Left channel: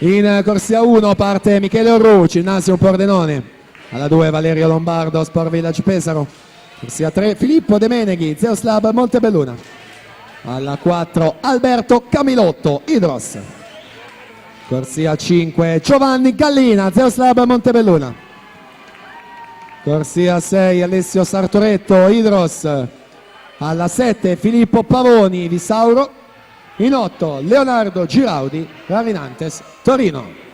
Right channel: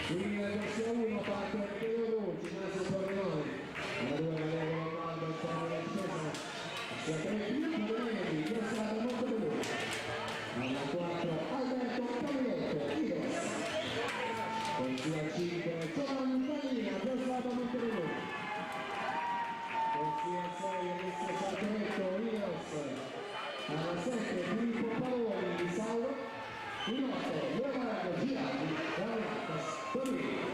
In corsia 1 parte Michele Orru, Ginnasio Pordenone. Alla 2 Valerio Lombardo, Sport Village Pesaro. Corsia 3 Filippo De Meneghi, Zeus Lab Montebelluna. Alla 4 Alberto Camilotto, Idros. Corsia 5 Giovanni Gallina, Zeus Lab Montebelluna. Corsia 6 Alessio Sartoretto, Idros. Alla 7 Filippo Pavoni, Visauro. In 8 Leonardo Giraudi, Ravinantes, Torino.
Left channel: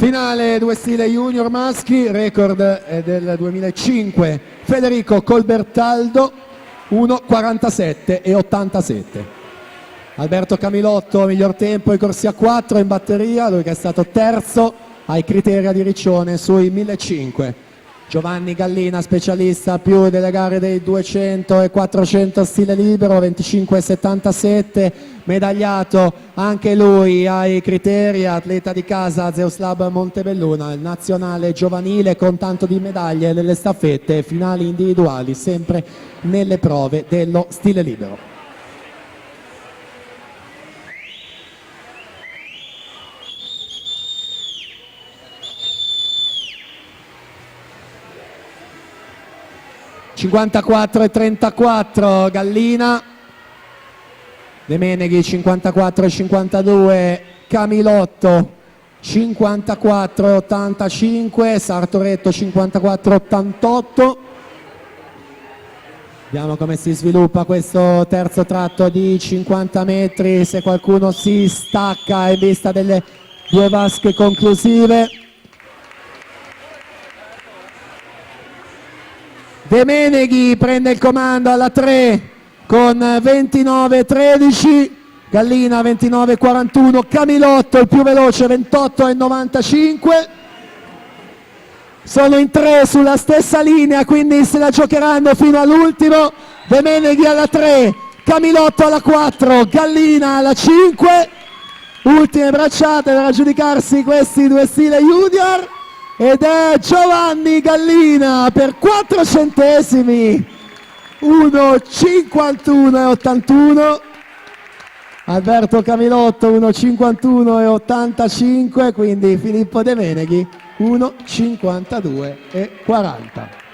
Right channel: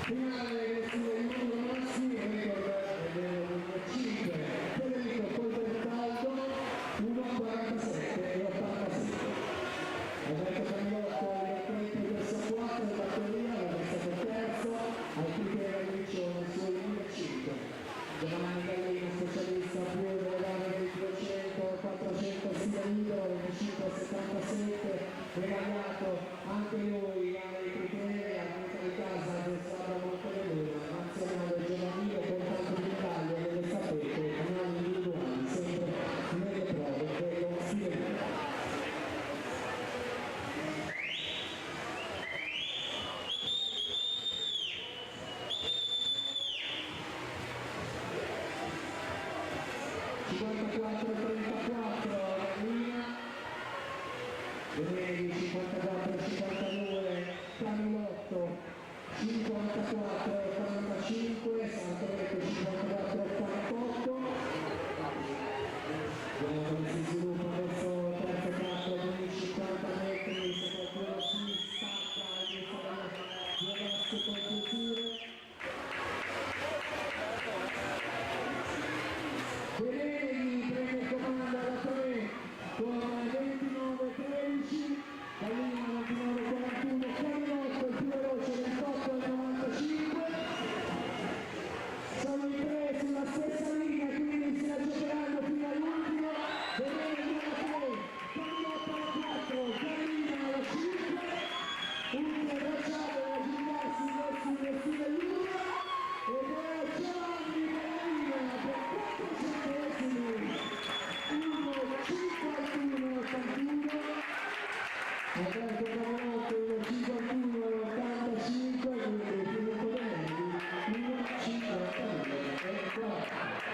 Finale 2 stile junior maschi, record è del 2005, Federico Colbertaldo 1,47 e 87. Alberto Camilotto miglior tempo in corsia 4 in batteria, lui che è stato terzo ai criteri di Riccione sui 1500. Giovanni Gallina specialista più delle gare dei 200 e 400 stile libero, 25,77, medagliato anche lui ai criteri, atleta di casa Zeus Lab Montebelluna, il nazionale giovanile con tanto di medaglie nelle staffette e finali individuali sempre nelle prove dello stile libero. (54,34) Gallina, De Meneghi 54,52, Camilotto 54,85, Sartoretto 54,88. Vediamo come si sviluppa questo terzo tratto di 50 metri, se qualcuno si stacca in vista delle due vasche conclusive. De Meneghi prende il comando alla 3 con 29,13, Gallina 29,41, Camilotto il più veloce 28,95. Sono in 3 sulla stessa linea, quindi se la giocheranno fino all'ultimo. De Meneghi alla 3, Camilotto alla 4, Gallina alla 5. Ultime bracciate per aggiudicarsi questi due stile junior. Ed è Giovanni Gallina per 4 centesimi, 1,51,81. Alberto Camilotto 1,51,85, quindi Filippo De Meneghi 1,52,40.